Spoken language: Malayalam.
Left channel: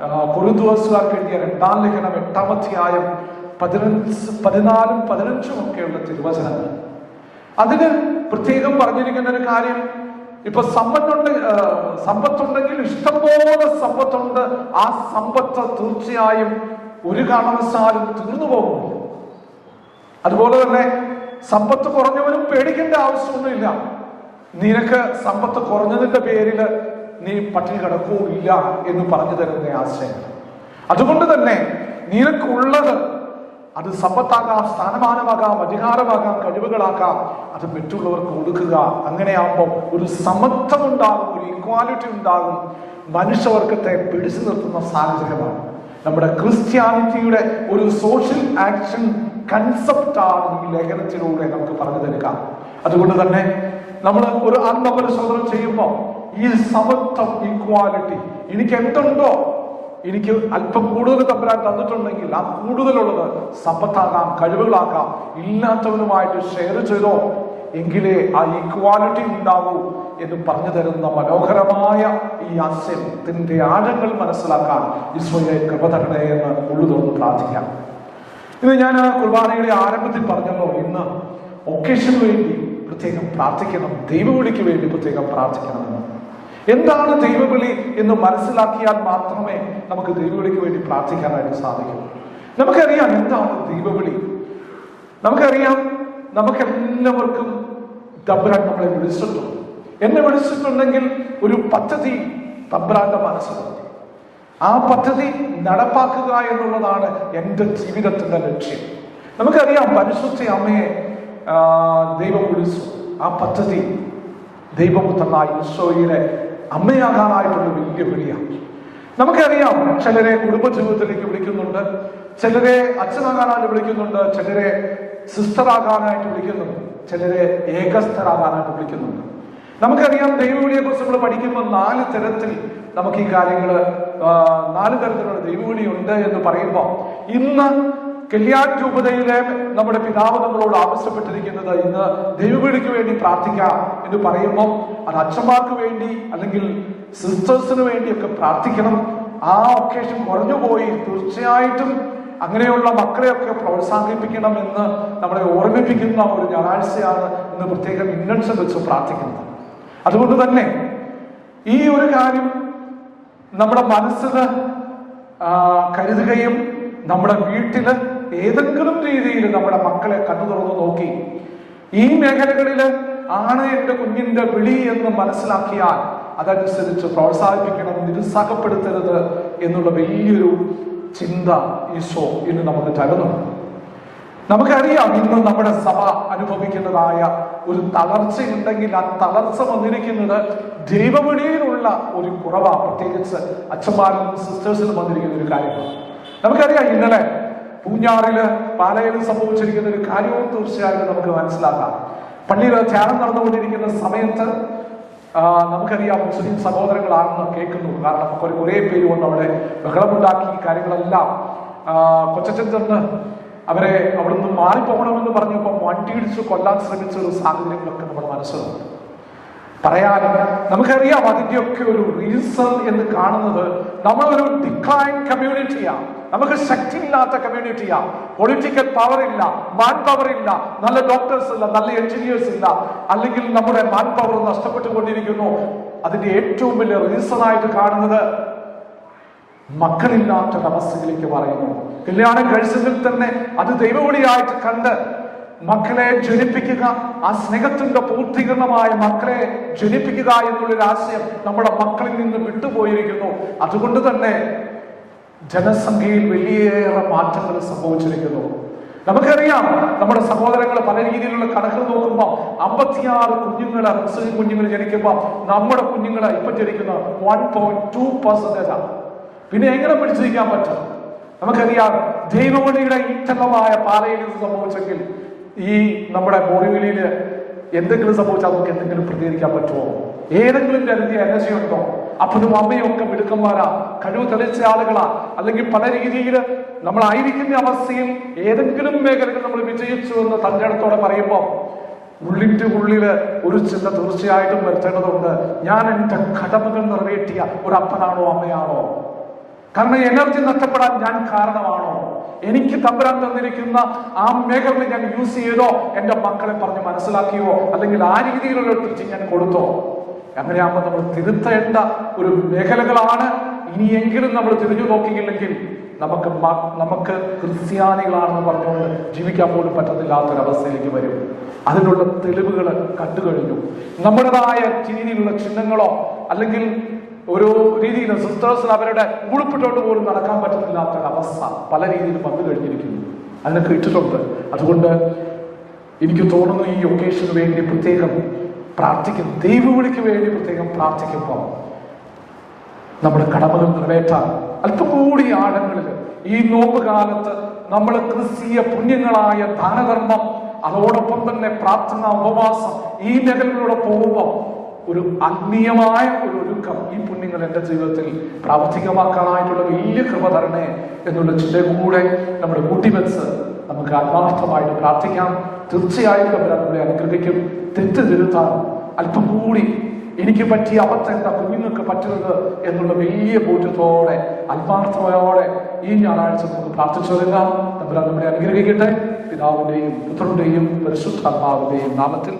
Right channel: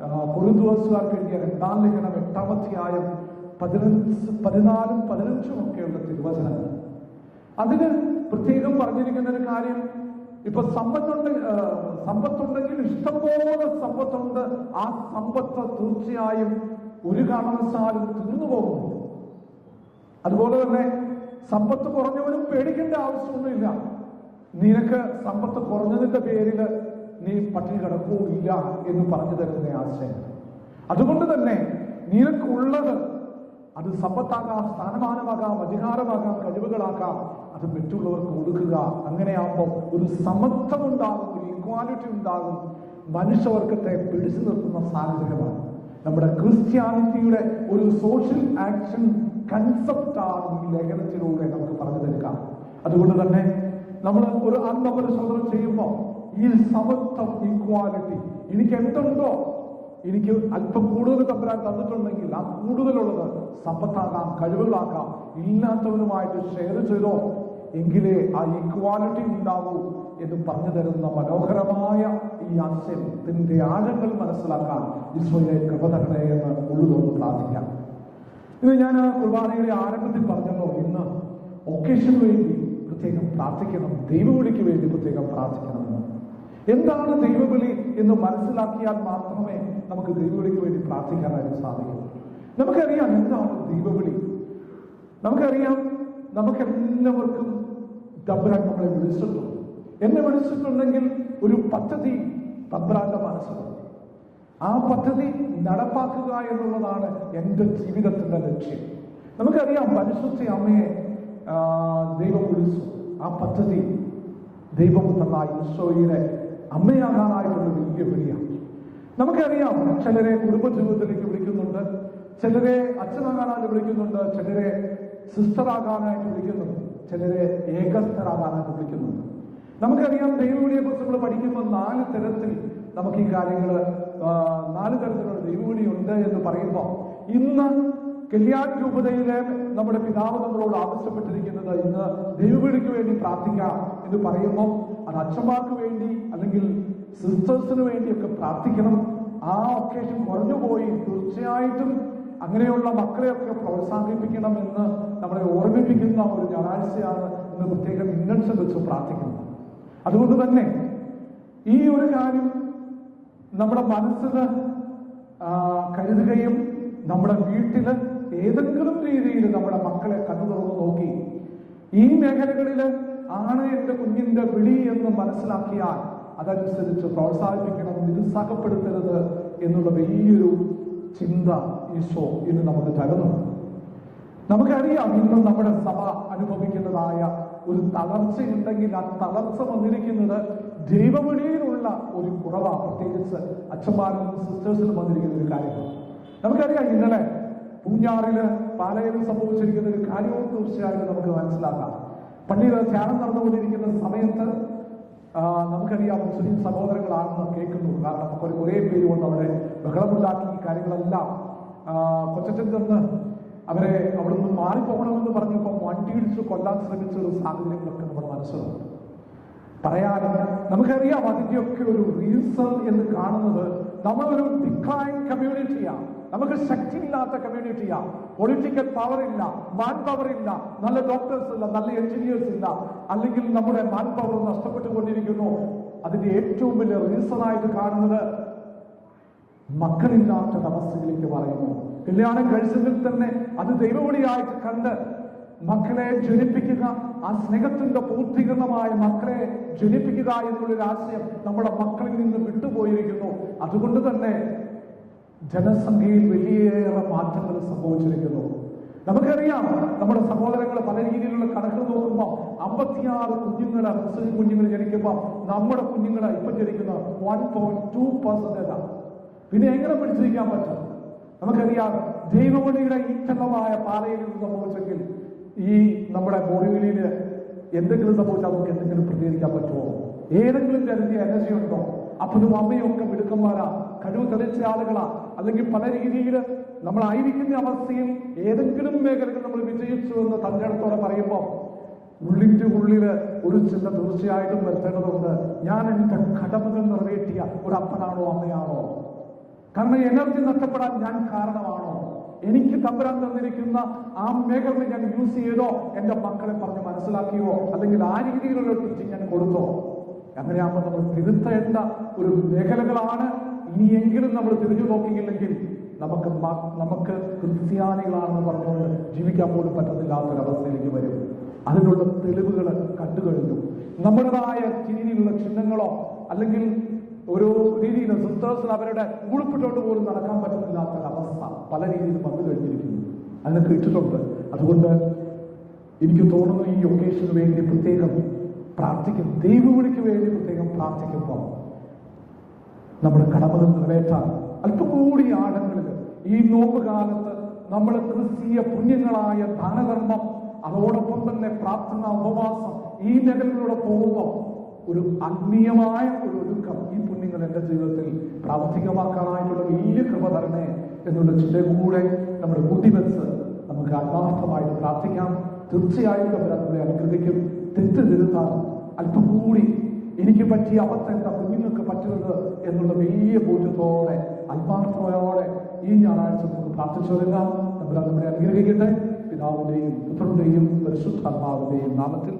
കൊരിന്ത്യർക്കാർക്ക് എഴുതിയ 2-ാം ലേഖനം 8-ാം അധ്യായം 14, 15 ഒക്കെയുള്ള തിരുവചനങ്ങൾ. അതിന് പ്രത്യേകം പറഞ്ഞിരിക്കുന്ന ഒരു കാര്യം, ഇപ്പൊ സമ്പത്തുണ്ടെങ്കിൽ ഇഷ്ടംപോലെ സമ്പത്തുണ്ട്, ആ സമ്പത്ത് തീർച്ചയായും ഒരു കാരണവശാലും തീർന്നു പോകുന്നു. അതുപോലെ തന്നെ സമ്പത്ത് കുറഞ്ഞവനും പേടിക്കേണ്ട ആവശ്യമൊന്നുമില്ല. നിനക്ക് സമ്പത്ത് കുറഞ്ഞതിന്റെ പേരിൽ നീ പട്ടിണി കിടക്കുകയില്ല എന്ന് പറഞ്ഞു തരുന്ന ആശയം. അതുകൊണ്ട് തന്നെ നിനക്കുള്ളത്, അത് സമ്പത്താകാം, സ്ഥാനമാനമാകാം, അധികാരമാകാം, കഴിവുകളാകാം, അത് മറ്റുള്ളവർക്ക് കൊടുക്കുക. അങ്ങനെയാകുമ്പോൾ ഒരു സമത്വം ഉണ്ടാകും, ഒരു ഈക്വാലിറ്റി ഉണ്ടാകും, മനുഷ്യവർഗത്തെ പിടിച്ചു നിർത്തുന്ന സാഹചര്യമാണ്. നമ്മുടെ ക്രിസ്ത്യാനിറ്റിയുടെ ഒരു സോഷ്യൽ ആക്ഷൻ കൺസെപ്റ്റാണ് ഈ ലേഖനത്തിലൂടെ നമുക്ക് പറഞ്ഞു തരിക. അതുകൊണ്ട് തന്നെ നമ്മൾ ഒരു ആത്മപരിശോധന ചെയ്യുമ്പോൾ ഈ സമത്വം, ഈക്വാലിറ്റി, എനിക്ക് എന്തുണ്ടോ, എനിക്ക് അല്പം കൂടുതൽ തമ്പുരാൻ തന്നിട്ടുണ്ടെങ്കിൽ ആ കൂടുതലുള്ളത് സമ്പത്താകാം, കഴിവുകളാകാം, ഇല്ലാത്തവനുമായിട്ട് ഷെയർ ചെയ്തോ, എങ്കിലേ ആ ഈക്വാലിറ്റി ഉണ്ടാകൂ എന്ന് പറഞ്ഞു തരുന്ന മനോഹരമായ ഈ ആശയത്തിന്റെ ആഴങ്ങൾ മനസ്സിലാക്കാൻ ഈശോയെ കൃപ തരണേ എന്ന് ഉള്ളുതൊന്ന് പ്രാർത്ഥിക്കാം. ഇത് ഞാൻ കുർബാനയുടെ ആരംഭത്തിൽ പറഞ്ഞല്ലോ, ഇന്ന് ഒക്കേഷന് വേണ്ടി പ്രത്യേകം പ്രാർത്ഥിക്കണം, ദൈവവിളിക്ക് വേണ്ടി പ്രത്യേകം പ്രാർത്ഥിക്കണമെന്ന്. എന്താണ് ദൈവവിളി എന്ന് മനസ്സിലാക്കിയാൽ മാത്രമേ നമുക്ക് ദൈവവിളിക്ക് വേണ്ടി പ്രാർത്ഥിക്കാനായിട്ട് സാധിക്കൂ. നമുക്കറിയാം എന്താണ് ദൈവവിളി. നമുക്കറിയാം, നമുക്കെല്ലാവർക്കും തമ്പുരാൻ നമ്മളെ വിളിച്ചിട്ടുണ്ട്. എന്നെ വിളിച്ചിട്ടുണ്ടെങ്കിൽ ഒരു പദ്ധതി തമ്പുരാന്റെ മനസ്സിലുണ്ട്. ആ പദ്ധതി നടപ്പാക്കുക എന്നുള്ളതാണ് എൻ്റെ ജീവിതത്തിന്റെ ലക്ഷ്യം. നമുക്കറിയാം, പരിശുദ്ധ അമ്മയെ ദൈവം വിളിച്ചു. ആ പദ്ധതി ദൈവപുത്രനായ ഈശോയുടെ അമ്മയാകാനായിട്ടുള്ള വലിയ വിളിയാണ്. നമുക്കറിയാം, ചിലരെ കുടുംബജീവിതത്തിലേക്ക് വിളിക്കുന്നുണ്ട്, ചിലരെ അച്ഛനാകാനായിട്ട് വിളിക്കുന്നുണ്ട്, ചിലരെ സിസ്റ്ററാകാനായിട്ട് വിളിക്കുന്നുണ്ട്, ചിലരെ ഏകസ്ഥരാകാനായിട്ട് വിളിക്കുന്നുണ്ട്. നമുക്കറിയാം, ദൈവവിളിയെ കുറിച്ച് നമ്മൾ പഠിക്കുമ്പോൾ 4 തരത്തിൽ നമുക്ക് ഈ കാര്യങ്ങൾ 4 തരത്തിലുള്ള ദൈവവിളി ഉണ്ട് എന്ന് പറയുമ്പോൾ, ഇന്ന് കല്യാൺ രൂപതയിലെ നമ്മുടെ പിതാവ് നമ്മളോട് ആവശ്യപ്പെട്ടിരിക്കുന്നത്, ഇന്ന് ദൈവവിളിക്ക് വേണ്ടി പ്രാർത്ഥിക്കാം എന്ന് പറയുമ്പോൾ അത് അച്ഛന്മാർക്ക് വേണ്ടി അല്ലെങ്കിൽ സിസ്റ്റേഴ്സിന് വേണ്ടിയൊക്കെ പ്രാർത്ഥിക്കണം. ആ ഒക്കേഷൻ കുറഞ്ഞുപോയി, തീർച്ചയായിട്ടും അങ്ങനെയുള്ള മക്കളെയൊക്കെ പ്രോത്സാഹിപ്പിക്കണം എന്ന് നമ്മളെ ഓർമ്മിപ്പിക്കുന്ന ഒരു ഞായറാഴ്ചയാണ് ഇന്ന് പ്രത്യേകം ഇൻറ്റൻഷൻ വെച്ച് പ്രാർത്ഥിക്കുന്നത്. അതുകൊണ്ട് തന്നെ ഈ ഒരു കാര്യം നമ്മുടെ മനസ്സിൽ കരുതുകയും നമ്മുടെ വീട്ടില് ഏതെങ്കിലും രീതിയിൽ നമ്മുടെ മക്കളെ കണ്ണു തുറന്നു നോക്കി ഈ മേഖലകളിൽ ആണ് എൻ്റെ കുഞ്ഞിന്റെ വിളി എന്ന് മനസ്സിലാക്കിയാൽ അതനുസരിച്ച് പ്രോത്സാഹിപ്പിക്കണം, നിരുത്സാഹപ്പെടുത്തരുത് എന്നുള്ള വലിയൊരു ചിന്ത ഈശോ ഇന്ന് നമുക്ക് തരുന്നുണ്ട്. നമുക്കറിയാം, ഇന്ന് നമ്മുടെ സഭ അനുഭവിക്കുന്നതായ ഒരു തളർച്ചയുണ്ടെങ്കിൽ ആ തളർച്ച വന്നിരിക്കുന്നത് ദൈവവിളിയിലുള്ള ഒരു കുറവാണ്. പ്രത്യേകിച്ച് അച്ഛന്മാരിലും സിസ്റ്റേഴ്സിലും വന്നിരിക്കുന്ന ഒരു കാര്യമാണ്. നമുക്കറിയാം, ഇന്നലെ പൂഞ്ഞാറില് പാലയിലും സംഭവിച്ചിരിക്കുന്ന ഒരു കാര്യവും തീർച്ചയായിട്ടും നമുക്ക് മനസ്സിലാക്കാം. പള്ളിയിൽ ധ്യാനം നടന്നുകൊണ്ടിരിക്കുന്ന സമയത്ത് നമുക്കറിയാം, മുസ്ലിം സഹോദരങ്ങളാണെന്ന് കേൾക്കുന്നു. കാരണം കുറേ പേര് വന്ന് അവിടെ ബഹളമുണ്ടാക്കി കാര്യങ്ങളെല്ലാം കൊച്ചച്ചൻ ചെന്ന് അവരെ അവിടുന്ന് മാറിപ്പോകണമെന്ന് പറഞ്ഞപ്പോൾ വണ്ടി ഇടിച്ച് കൊല്ലാൻ ശ്രമിച്ച ഒരു സാഹചര്യങ്ങളൊക്കെ നമ്മുടെ മനസ്സിലുണ്ട്. പറയാനും നമുക്കറിയാം, അതിൻ്റെയൊക്കെ ഒരു റീസൺ എന്ന് കാണുന്നത് നമ്മളൊരു ഡിക്ലൈൻ കമ്മ്യൂണിറ്റിയാണ്, നമുക്ക് ശക്തിയില്ലാത്ത കമ്മ്യൂണിറ്റിയാണ്. പൊളിറ്റിക്കൽ പവർ ഇല്ല, മാൻ പവർ ഇല്ല, നല്ല ഡോക്ടേഴ്സ് ഇല്ല, നല്ല എഞ്ചിനീയേഴ്സ് ഇല്ല, അല്ലെങ്കിൽ നമ്മുടെ മാൻ പവർ നഷ്ടപ്പെട്ടുകൊണ്ടിരിക്കുന്നു. അതിന്റെ ഏറ്റവും വലിയ റീസൺ ആയിട്ട് കാണുന്നത് മക്കളില്ലാത്തൊരവസ്ഥയിലേക്ക് പറയുന്നു. കല്യാണം കഴിച്ചതിൽ തന്നെ അത് ദൈവവിളിയായിട്ട് കണ്ട് മക്കളെ ജനിപ്പിക്കുക, ആ സ്നേഹത്തിന്റെ പൂർത്തീകരണമായ മക്കളെ ജനിപ്പിക്കുക എന്നുള്ളൊരു ആശയം നമ്മുടെ മക്കളിൽ നിന്ന് വിട്ടുപോയിരിക്കുന്നു. അതുകൊണ്ട് തന്നെ ജനസംഖ്യയിൽ വലിയേറെ മാറ്റങ്ങൾ സംഭവിച്ചിരിക്കുന്നു. നമുക്കറിയാം, നമ്മുടെ സഹോദരങ്ങൾ പല രീതിയിലുള്ള കണക്കുകൾ നോക്കുമ്പോൾ 56 കുഞ്ഞുങ്ങളെ മുസ്ലിം കുഞ്ഞുങ്ങൾ ജനിക്കുമ്പോൾ നമ്മുടെ കുഞ്ഞുങ്ങളെ ഇപ്പം ജനിക്കുന്ന 1.2%. പിന്നെ എങ്ങനെ പിടിച്ചിരിക്കാൻ പറ്റും? നമുക്കറിയാം, ദൈവവിളിയുടെ ഈറ്റലമായ പാലയിൽ ഇത് സംഭവിച്ചെങ്കിൽ ഈ നമ്മുടെ ബോറിവിളിയിൽ എന്തെങ്കിലും സംഭവിച്ചാൽ നമുക്ക് എന്തെങ്കിലും പ്രതികരിക്കാൻ പറ്റുമോ? ഏതെങ്കിലും തരത്തിയ എനർജി ഉണ്ടോ? അപ്പനും അമ്മയും ഒക്കെ മിടുക്കന്മാരാ, കഴിവ് തെളിച്ച ആളുകളാ, അല്ലെങ്കിൽ പല രീതിയിൽ നമ്മളായിരിക്കുന്ന അവസ്ഥയിൽ ഏതെങ്കിലും മേഖലകൾ നമ്മൾ വിജയിച്ചു എന്ന് തന്റെ അടുത്തോടെ പറയുമ്പോൾ ഉള്ളിന്റെ ഉള്ളില് ഒരു ചിന്ത തീർച്ചയായിട്ടും വരുത്തേണ്ടതുണ്ട്. ഞാൻ എൻ്റെ കടമകൾ നിറവേറ്റിയ ഒരു അപ്പനാണോ അമ്മയാണോ? കാരണം എനർജി നഷ്ടപ്പെടാൻ ഞാൻ കാരണമാണോ? എനിക്ക് തമ്പുരാൻ തന്നിരിക്കുന്ന ആ മേഖല ഞാൻ യൂസ് ചെയ്തോ? എന്റെ മക്കളെ പറഞ്ഞ് മനസ്സിലാക്കിയോ? അല്ലെങ്കിൽ ആ രീതിയിലുള്ള ടീച്ചിങ് ഞാൻ കൊടുത്തോ? അങ്ങനെയാകുമ്പോൾ നമ്മൾ തിരുത്തേണ്ട ഒരു മേഖലകളാണ്. ഇനിയെങ്കിലും നമ്മൾ തിരിഞ്ഞു നോക്കിയില്ലെങ്കിൽ നമുക്ക് ക്രിസ്ത്യാനികളാണെന്ന് പറഞ്ഞുകൊണ്ട് ജീവിക്കാൻ പോലും പറ്റത്തില്ലാത്തൊരവസ്ഥയിലേക്ക് വരും. അതിനുള്ള തെളിവുകൾ കണ്ടുകഴിഞ്ഞു. നമ്മുടേതായ രീതിയിലുള്ള ചിഹ്നങ്ങളോ അല്ലെങ്കിൽ ഒരു രീതിയിൽ സിസ്റ്റേഴ്സിന് അവരുടെ ഉടുപ്പിട്ടോട്ട് പോലും നടക്കാൻ പറ്റുന്നില്ലാത്തൊരവസ്ഥ പല രീതിയിലും വന്നു കഴിഞ്ഞിരിക്കുന്നു. അതിനൊക്കെ ഇട്ടിട്ടുണ്ട്. അതുകൊണ്ട് എനിക്ക് തോന്നുന്നു ഈ ഒക്കേഷന് വേണ്ടി പ്രത്യേകം പ്രാർത്ഥിക്കും, ദൈവവിളിക്ക് വേണ്ടി പ്രത്യേകം പ്രാർത്ഥിക്കുമ്പോൾ നമ്മുടെ കടമകൾ നിറവേറ്റാൻ അല്പം കൂടി ആഴങ്ങളിൽ ഈ നോമ്പ് കാലത്ത് നമ്മൾ ക്രിസ്തീയ പുണ്യങ്ങളായ ദാനധർമ്മം, അതോടൊപ്പം തന്നെ പ്രാർത്ഥന, ഉപവാസം, ഈ മേഖലകളിലൂടെ പോകുമ്പോൾ ഒരു ആത്മീയമായ ഒരു ഒരുക്കം ഈ പുണ്യങ്ങൾ എൻ്റെ ജീവിതത്തിൽ പ്രാവർത്തികമാക്കാനായിട്ടുള്ള വലിയ കൃപ തരണേ എന്നുള്ള ചിന്ത കൂടെ നമ്മുടെ കൂട്ടിവെച്ച് നമുക്ക് ആത്മാർത്ഥമായിട്ട് പ്രാർത്ഥിക്കാം. തീർച്ചയായും നമ്മളെ അനുഗ്രഹിക്കും. തെറ്റ് തിരുത്താൻ അല്പം കൂടി എനിക്ക് പറ്റിയ അബദ്ധം എന്താ കുഞ്ഞുങ്ങൾക്ക് പറ്റുന്നത് എന്നുള്ള വലിയ ബോധ്യത്തോടെ ആത്മാർത്ഥതയോടെ ഈ ഞായറാഴ്ച നമുക്ക് പ്രാർത്ഥിച്ചു വരുന്ന നമ്മളെ അനുഗ്രഹിക്കട്ടെ. പിതാവിന്റെയും പുത്രന്റെയും പരിശുദ്ധാത്മാവിന്റെയും നാമത്തിൽ.